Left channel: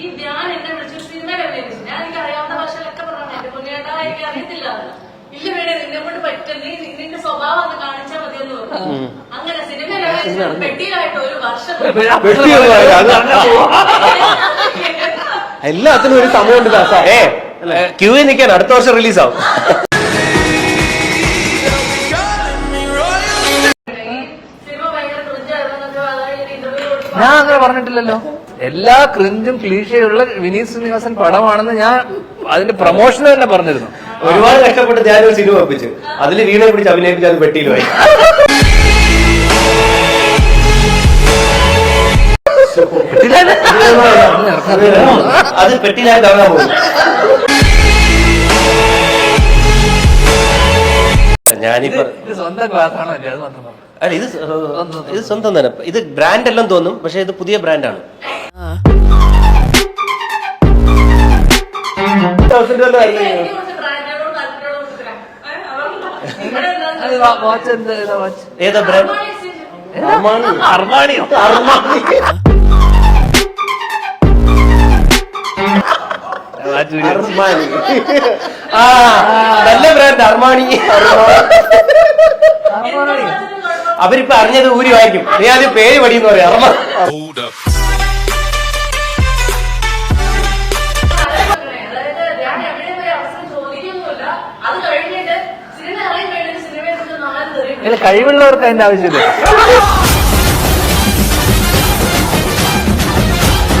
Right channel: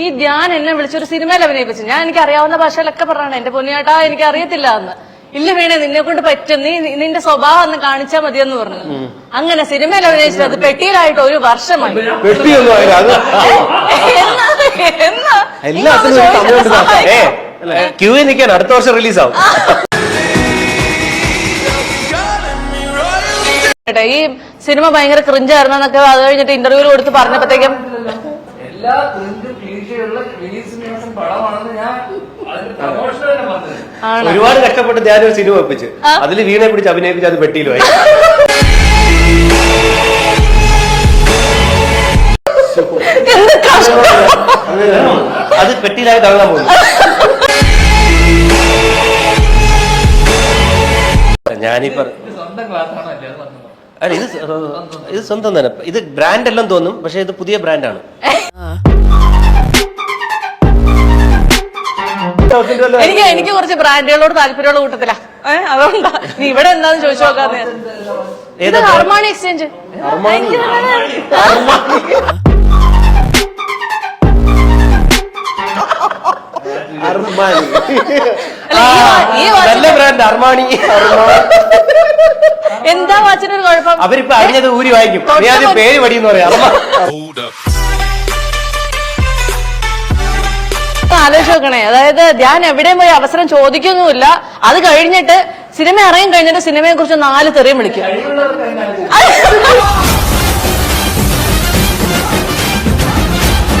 ഈ ഞാൻ എന്നെ വിളിച്ചൊരു സിനിമയിൽ അഭിനയിപ്പിച്ചു. ഞാൻ എനിക്ക് അറിയാവുന്ന ഭാഷയിലൊക്കെ പറയണം, എന്റെ പൊന്നിയേട്ടാ എനിക്ക് അറിയത്തില്ല എന്ന്. ഇല്ല വേണേ നിന്നെ കൊണ്ട് പറ്റും, നീ നിന്റെ സ്വഭാവം ഒന്ന് കാണിച്ചാൽ മതിയെന്ന് പറഞ്ഞു. അങ്ങനെ സിനിമയിൽ അഭിനയിച്ചത് പെട്ടിയിലായിട്ട് 1 വർഷം. എല്ലാത്തിനും ഒരു സമയമുണ്ട്. ക്യൂവിൽ നിൽക്കാൻ അടുത്ത വർഷം റിലീസാവും. ഈ സിനിമ ഭയങ്കര ക്രിഞ്ചായിരുന്നൊക്കെ അത് കഴിഞ്ഞിട്ട് ഇന്റർവ്യൂല് കൊടുത്ത് പറഞ്ഞിട്ടില്ലല്ലോ. എല്ലാ ക്രിഞ്ചും ക്ലീഷയുള്ള വിനീത് ശ്രീനിവാസൻ പടമാണെന്ന് ഞാൻ അതിന്റെ പ്രൊമോഷൻ തന്നെ പറഞ്ഞിരുന്നു. ഒരുപാട് കഷ്ടപ്പെട്ട് ഞാനൊരു സിനിമ ഒപ്പിച്ച് അതിൽ വീണെ പിടിച്ച് അഭിനയിപ്പിച്ച് അത് പെട്ടിയിലുമായി. അത് പെട്ടിയിലായി തള്ളാൻ പോകും. ഞാനിപ്പോ സ്വന്തം ക്ലാസ്സാണ്. അല്ല ഇത് സ്വന്തം തന്നെ. ഇത് ബ്രാൻഡ് എല്ലാം തോന്നും, പക്ഷെ ഇത് പുതിയ ബ്രാൻഡാണ്. എനിക്ക് കുറച്ച് ബ്രാൻഡുകളോട് താല്പര്യമുള്ള കൂട്ടത്തില. അതുകൊണ്ടാ ഇവിടെ എന്താന്ന് ചോദിച്ചാൽ അർമാണി എക്സ്ചേഞ്ച്. നല്ല ബ്രാൻഡ് അർമാണി. എന്താ വാച്ചിനൊരു കുഴപ്പം? അവരിപ്പോ അറിഞ്ഞത് ഊരി വാങ്ങിക്കും. നീ ആദ്യം പേര് പടിയെന്ന് പറയാം. ആലോചിച്ച് നോക്കണേ, അതായത് ഞാൻ എവിടെയും പോയി അവസരം ചോദിക്കൊന്നുമില്ല. അത് കഴിഞ്ഞിട്ട് സിനിമ ഇറങ്ങി കഴിഞ്ഞിട്ട് സിനിമയെ കുറിച്ച് 4 തെറിയും വിളിക്കും. കഴിവുള്ളവർക്ക് അതിന്റെ ആവശ്യം.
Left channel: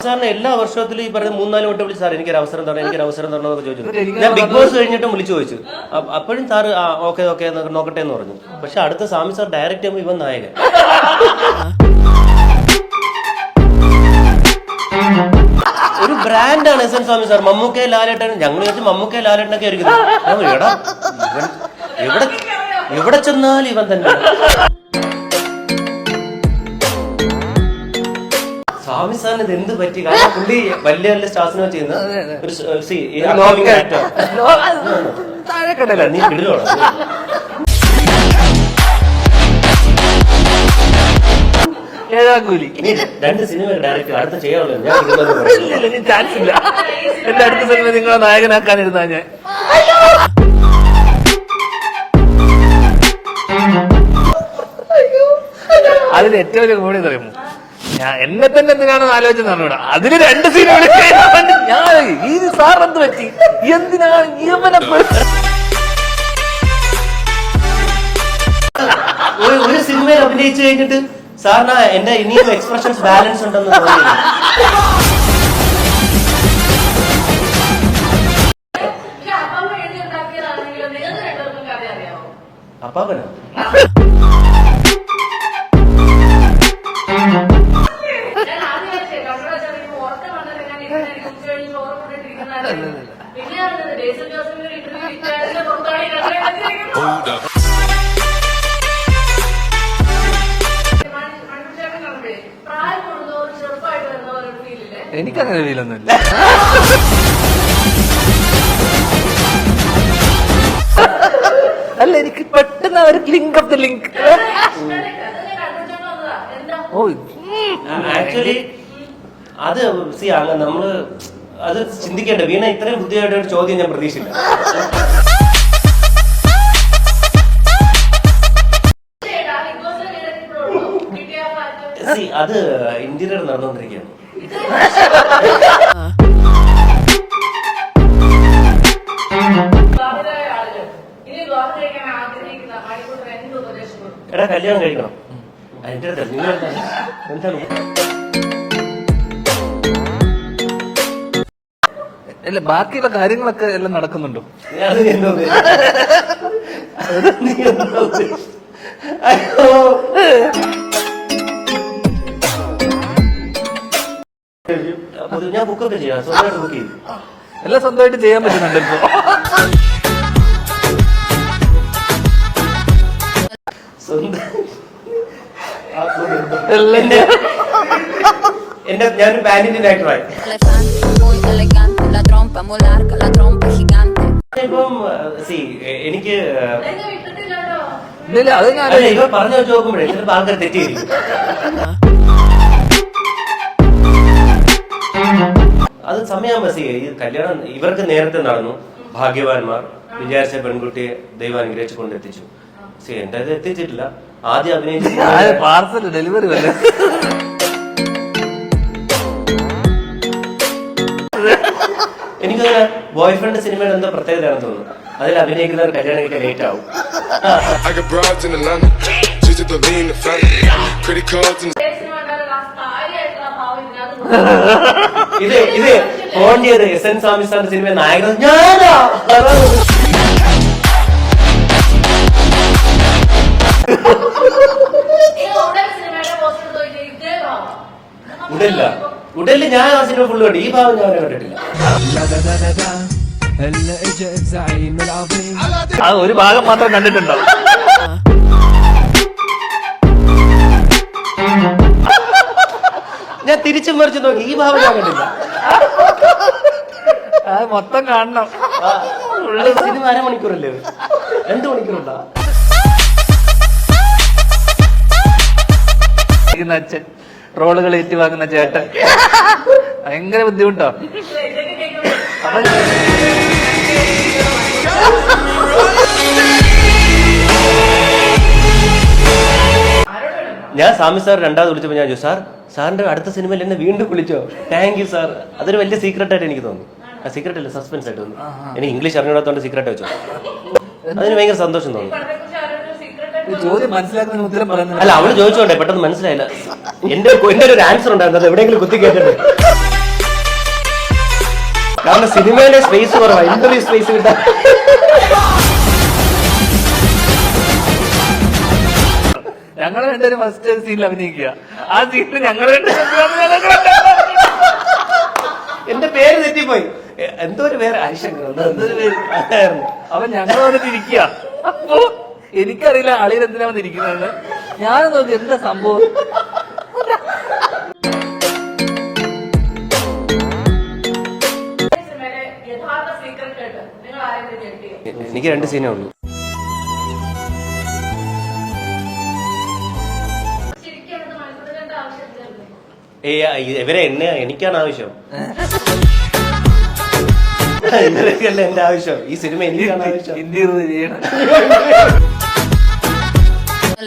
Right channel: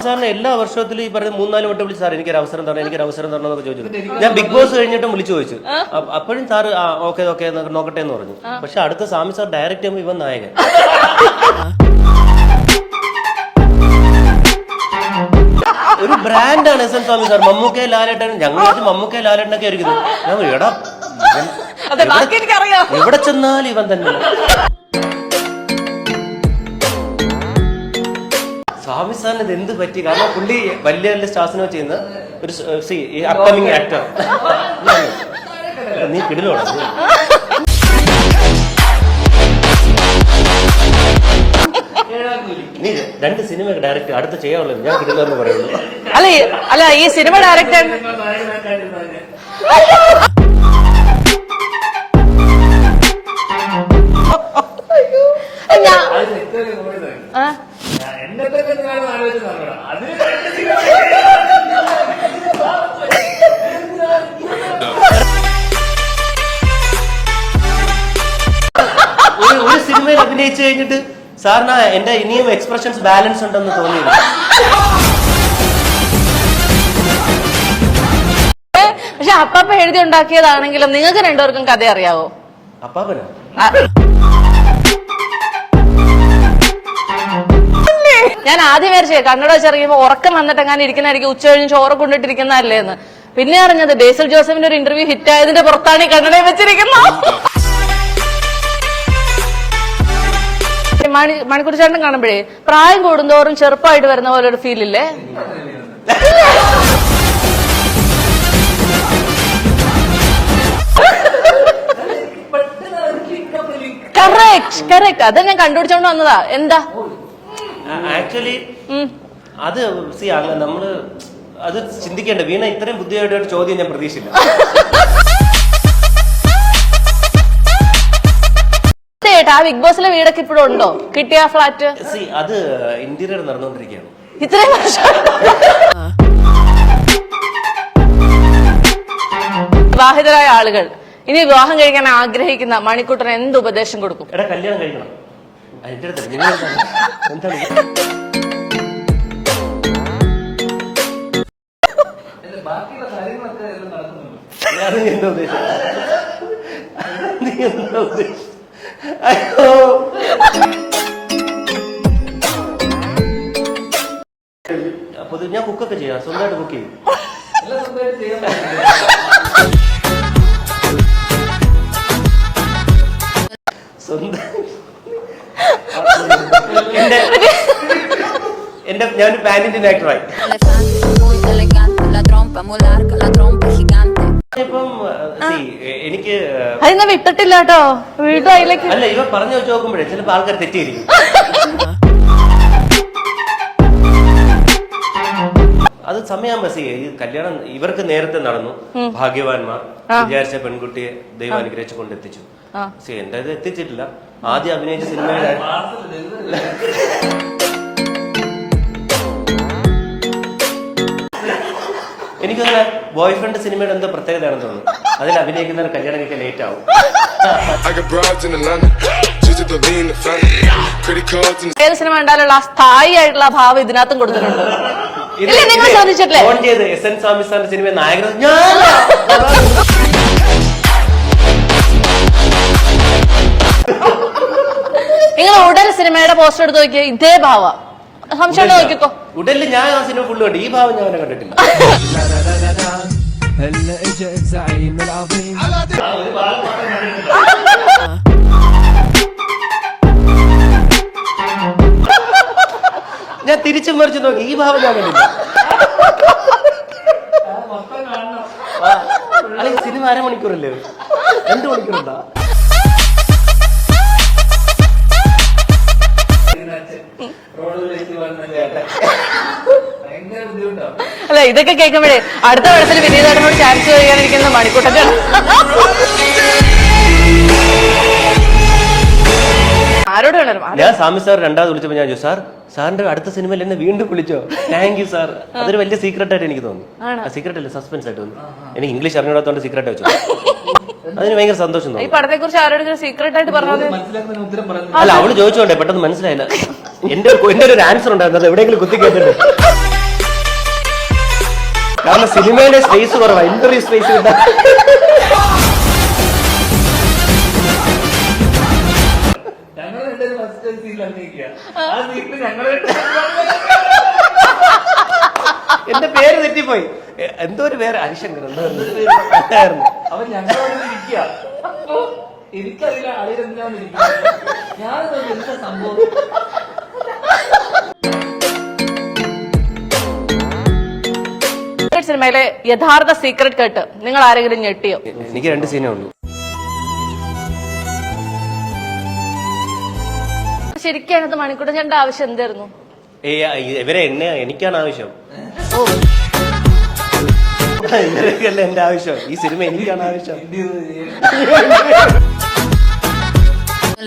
സാറിന് എല്ലാ വർഷത്തിലും ഈ പറഞ്ഞ 3-4 വട്ടം വിളിച്ചു, സാർ എനിക്കൊരു അവസരം തരണം, എനിക്കൊരു അവസരം തരണം എന്നൊക്കെ ചോദിച്ചു. ഞാൻ ബിഗ് ബോസ് കഴിഞ്ഞിട്ടും വിളിച്ചു ചോദിച്ചു. അപ്പോഴും സാറ് ഓക്കെ നോക്കട്ടെ എന്ന് പറഞ്ഞു. പക്ഷെ അടുത്ത സ്വാമി സാർ ഡയറക്റ്റ് ചെയ്യുമ്പോൾ ഇവൻ നായകൻ. ഒരു ബ്രാൻഡാണ് എസ് എൻ സ്വാമി സാർ. മമ്മൂക്കെ ലാലേട്ടൻ, ഞങ്ങൾ മമ്മൂക്കെ ലാലേട്ടനൊക്കെ ആയിരിക്കുന്നത്. എടാ എവിടെ ചെന്നാലും ഇവൻ തന്നെ. സ്വാമി സാറിന് ഇത് എന്ത് പറ്റി? കാരണം പുള്ളി വലിയ വലിയ സ്റ്റാർസിനോ ചെയ്യുന്ന ഒരു അപ്കമിങ് ആക്ടർ. നീ കിടിലോടാ. നീ 2 സിനിമ ഡയറക്റ്റ് അടുത്ത ചെയ്യാമല്ലോ. ഞാൻ കിടിലെന്ന് പറയുന്നു. അല്ല ഈ സിനിമ ഡയറക്ടർ നിങ്ങളെ നായകനാക്കാനിരുന്നാ ഞാൻ. അതിന് ഏറ്റവും വലിയ കൂടി പറയുന്നു, എന്നെ തന്നെ എന്തിനാണെന്ന് ആലോചിച്ച് നടന്നൂടാ. അതിന് 2 സീൻ സാർ എന്ത് പറ്റി, എന്തിനാ ഒരു സിനിമയിൽ അഭിനയിച്ചു കഴിഞ്ഞിട്ട് സാറിന് എന്റെ ഇനിയും എക്സ്പ്രഷൻസ് ബാലൻസ് ഉണ്ടെന്ന് തോന്നിയില്ല. പക്ഷെ അപ്പമ്മ എഴുതി ഉണ്ടാക്കിയതാണെങ്കിലും നിങ്ങൾക്ക് 2 പേർക്കും കഥ അറിയാവോ? അപ്പാപ്പനോ? ഞാൻ ആദ്യം വിചാരിച്ചേ കണ്ണട വെച്ചിറങ്ങിയപ്പോ ഉറക്കം വന്നിട്ട് അങ്ങനെ ഇരിക്കുന്നതായിരിക്കും, ഉച്ച കഴിഞ്ഞ് ചോറ് കൊണ്ടിട്ടിരിക്കുന്നതല്ലേ എന്ന്. പിന്നെ അറിഞ്ഞത് ബേസിൽ ജോസഫിന്റെ ഒരു ഇന്റർവ്യൂ ഹിറ്റ് ആയതിന്റെ പുറത്താണ് ഈ കണ്ണട വെച്ചിരിക്കുന്നത്. മണിക്കൂർ ചേട്ടൻ കാണുമ്പോഴേ പ്രായം കൂടുന്തോറും ചെറുപ്പമായിട്ട് വരുന്ന പോലെ ഒരു ഫീൽ ഇല്ലേ? എനിക്കങ്ങനെ ഫീലൊന്നും. അല്ല എനിക്ക് പെട്ടെന്ന് കറക്റ്റ് അത് ഞാൻ കണ്ടുപിടിച്ചോണ്ട് വന്നതാ. എന്താ ആക്ച്വലി അത് നമ്മള് അത് ചിന്തിക്കേണ്ട. വീണ ഇത്രയും ബുദ്ധിയായിട്ട് ഒരു ചോദ്യം ഞാൻ പ്രതീക്ഷിച്ചില്ല. ആ ബിഗ് ബോസിലെ വീടൊക്കെ ഇപ്പോഴും ഉണ്ടോ? കിട്ടിയ ഫ്ലാറ്റ്? അത് ഇന്റീരിയർ നടന്നുകൊണ്ടിരിക്കുകയാണ്. ഇത്രയും വർഷം വിവാഹിതരായ ആളുകൾ ഇനി വിവാഹം കഴിക്കാൻ ആഗ്രഹിക്കുന്ന മണിക്കൂട്ടന് എന്ത് ഉപദേശം കൊടുക്കും? എടാ കല്യാണം കഴിക്കണം. അതിന്റെ അടുത്ത് നിങ്ങൾ എന്താണ്? അല്ല ബാക്കിയുള്ള കാര്യങ്ങളൊക്കെ എല്ലാം നടക്കുന്നുണ്ടോ? അപ്പൊ ഞാൻ ബുക്കൊക്കെ ചെയ്യാം, സ്വന്തമായിട്ട് ബുക്ക് ചെയ്യും. എല്ലാം സ്വന്തമായിട്ട് ചെയ്യാൻ പറ്റുന്നുണ്ട്. ഞാനൊരു പാൻറ്റിന്റെ ആക്ടറായി. ഇപ്പം എനിക്ക് വിട്ടിട്ടില്ല കേട്ടോ. അല്ല ഇവ പറഞ്ഞു വെച്ച് നോക്കുമ്പോഴേ ചിലപ്പോ ആൾക്കാർ തെറ്റിയിരിക്കും. അത് സമയം ബസ് ഈ കല്യാണം ഇവർക്ക് നേരത്തെ നടന്നു. ഭാഗ്യവാന്മാർ വിചാരിച്ച പെൺകുട്ടിയെ ദൈവം അനുഗ്രഹിച്ച് കൊണ്ടെത്തിച്ചു. എന്റെ ഇത് എത്തിച്ചിട്ടില്ല. ആദ്യം അഭിനയിച്ച സിനിമ പാർസൽ ഡെലിവറി വല്ല എനിക്കങ്ങനെ ബോയ് ഫ്രണ്ട് സിനിമയുടെ എന്തോ പ്രത്യേകതയാണെന്ന് തോന്നുന്നു. അതിൽ അഭിനയിക്കുന്നവർ കല്യാണം കഴിക്കാൻ ലേറ്റ് ആവും. ഏത് സിനിമ ഉണ്ടായാലുള്ള ആ സ്ഥായി ആയിട്ടുള്ള ഭാവം ഇതിനകത്തും കൊടുത്തിട്ടുണ്ട്. ഇത് ഇത് നിങ്ങൾ ചോദിച്ചിട്ടില്ലേ? ഫോൺ ചെയ്ത് എസ് എൻ സ്വാമി സാറിന്റെ സിനിമ നായകൻ ഞാനാ. നിങ്ങൾ ഉടൻ സിനിമയുടെ പോസ്റ്റർ എടുത്ത് നോക്കിയ ഇതേ ഭാവ സംശയം നോക്കിക്കോ. ഉടലിൽ ഞാൻ ആ സിനിമ ഫുള്ള് കണ്ടു. ഈ ഭാവം ഞാൻ അവനെ കണ്ടിട്ടില്ല. ആ ഒരു ഭാഗം മാത്രം കണ്ടിട്ടുണ്ടോ? ഞാൻ തിരിച്ചു മറിച്ച് നോക്കി. ഈ ഭാവം ഞാൻ കണ്ടില്ല. മൊത്തം കാണണം. അല്ലെങ്കിൽ സിനിമ അരമണിക്കൂറല്ലേ? 2 മണിക്കൂറുണ്ടാ? അച്ഛൻ റോളുകൾ ഏറ്റുവാങ്ങുന്ന ചേട്ടൻ ഭയങ്കര ബുദ്ധിമുട്ടോ? അല്ല ഇതൊക്കെ കേൾക്കുമ്പോഴേ അടുത്ത വർഷത്തിൽ വിനീതോട് ചാൻസ് ചെയ്യാനിരിക്കുന്നത് മണിക്കൂട്ടത്തെ ആരോട് വേണം. ഞാൻ സ്വാമി സാർ രണ്ടാമത് വിളിച്ചപ്പോൾ ഞാൻ ചോദിച്ചു, സാറിന്റെ അടുത്ത സിനിമയിൽ എന്നെ വീണ്ടും വിളിച്ചോ? Thank you sir. അതൊരു വലിയ സീക്രട്ട് ആയിട്ട് എനിക്ക് തോന്നി. സീക്രട്ട് അല്ല, സസ്പെൻസ് ആയിട്ട് തോന്നി. എനിക്ക് ഇംഗ്ലീഷ് അറിഞ്ഞൂടാത്തോണ്ട് സീക്രട്ട് വെച്ചു. അതിന് ഭയങ്കര സന്തോഷം ഈ തോന്നി. പടത്തെ കുറിച്ച് ആരോടും സീക്രട്ട് ആയിട്ട് പറഞ്ഞത് മനസ്സിലാക്കുന്ന ഉത്തരം പറയുന്നത് അല്ല, അവള് ചോദിച്ചോണ്ടേ പെട്ടെന്ന് മനസ്സിലായില്ല. എന്റെ ഒരു ആൻസർ ഉണ്ടായിരുന്നു. അത് എവിടെയെങ്കിലും കുത്തി കേട്ടിട്ടുണ്ട്. കാരണം സിനിമയിലെ സ്പേസ് കുറവാ, ഇന്റർവ്യൂ സ്പേസ് കിട്ടാൻ. ഞങ്ങൾ രണ്ടുപേരും ഫസ്റ്റ് സീനിൽ അഭിനയിക്കുക. ആ സീനിൽ ഞങ്ങൾ എന്റെ പേര് തെറ്റിപ്പോയി. എന്തോ ഒരു പേര് ഹരിശങ്കർ അപ്പൊ ഞങ്ങളോട് ഇരിക്കുക. അപ്പൊ എനിക്കറിയില്ല ആളിൽ എന്തിനാണ് ഇരിക്കുന്നത്. ഞാൻ നോക്കി എന്താ സംഭവം. സിനിമയിലെ യഥാർത്ഥ സീക്രട്ട് കേട്ട് നിങ്ങൾ ആരെങ്കിലും ഞെട്ടിയോ? എനിക്ക് 2 സീനേ ഉള്ളൂ. ശരിക്കും അത് മണിക്കൂട്ടൻ ചേട്ടന്റെ ആവശ്യം എന്തായിരുന്നു? ഇവരെ എനിക്കാണ് ആവശ്യം. ഇവരൊക്കെയല്ല എന്റെ ആവശ്യം. ഈ സിനിമ എനിക്കാണ് ആവശ്യം.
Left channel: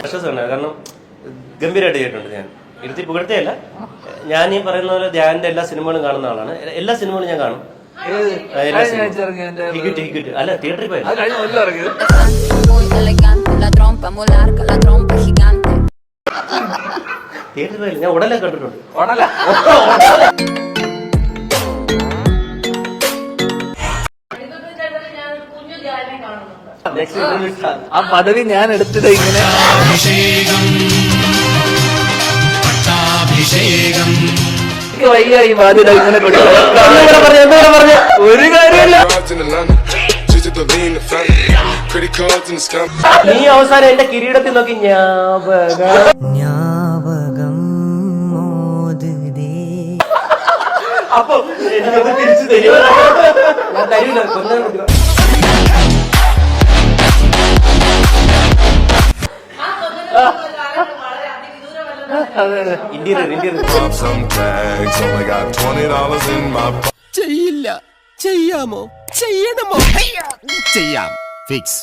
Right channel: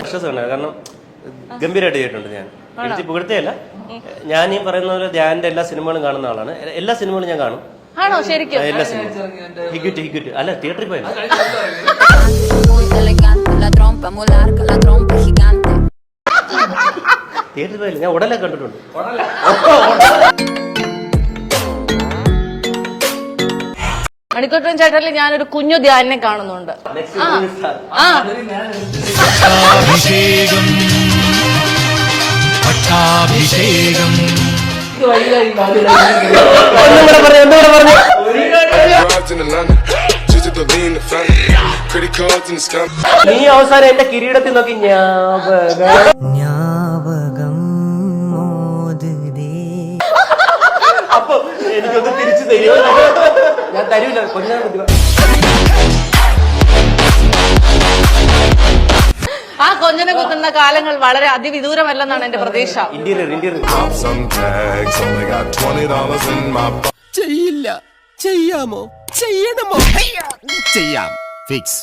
വിശ്വാസമുണ്ട്. കാരണം ഗംഭീരമായിട്ട് ചെയ്തിട്ടുണ്ട്. ഞാൻ ഇരുത്തി പുകഴ്ത്തയല്ല. ഞാൻ ഈ പറയുന്ന പോലെ ധ്യാന്റെ എല്ലാ സിനിമകളും കാണുന്ന ആളാണ്. എല്ലാ സിനിമകളും ഞാൻ കാണും. ആണോ ശരിക്കും? എല്ലാ സിനിമകളും ഹിക്വിറ്റ് അല്ല, തിയേറ്ററിൽ പോയില്ല. Muy elegante, la trompa muy larga, la trompa gigante. തിയേറ്ററിൽ പോയില്ല. ഞാൻ ഉടനെ കണ്ടിട്ടുണ്ട്. മണിക്കൂട്ടൻ ചേട്ടനിൽ ഞാനൊരു കുഞ്ഞു ധ്യാനെ കാണുന്നുണ്ട്. പദവി ഞാൻ എടുത്തിട്ട് വൈകായി ഒരു നീ അവസാനം എന്റെ കിരീടത്തിൽ നോക്കി അപ്പൊ എനിക്കൊന്ന് തിരിച്ചു തരുമോ? ഞാൻ തരൂല. കൊല്ലാൻ പറ്റുക. ആ കൊഞ്ഞനെ കൊല്ലുന്ന കാലങ്ങൾ വളരെ അതിവിദൂരമല്ലെന്നാണ് എന്റെ പ്രതീക്ഷ. ഇന്റീരിയർ ചെയ്യില്ല, ചെയ്യാമോ, ചെയ്യണമോ? ചെയ്യാം, ഫിക്സ്.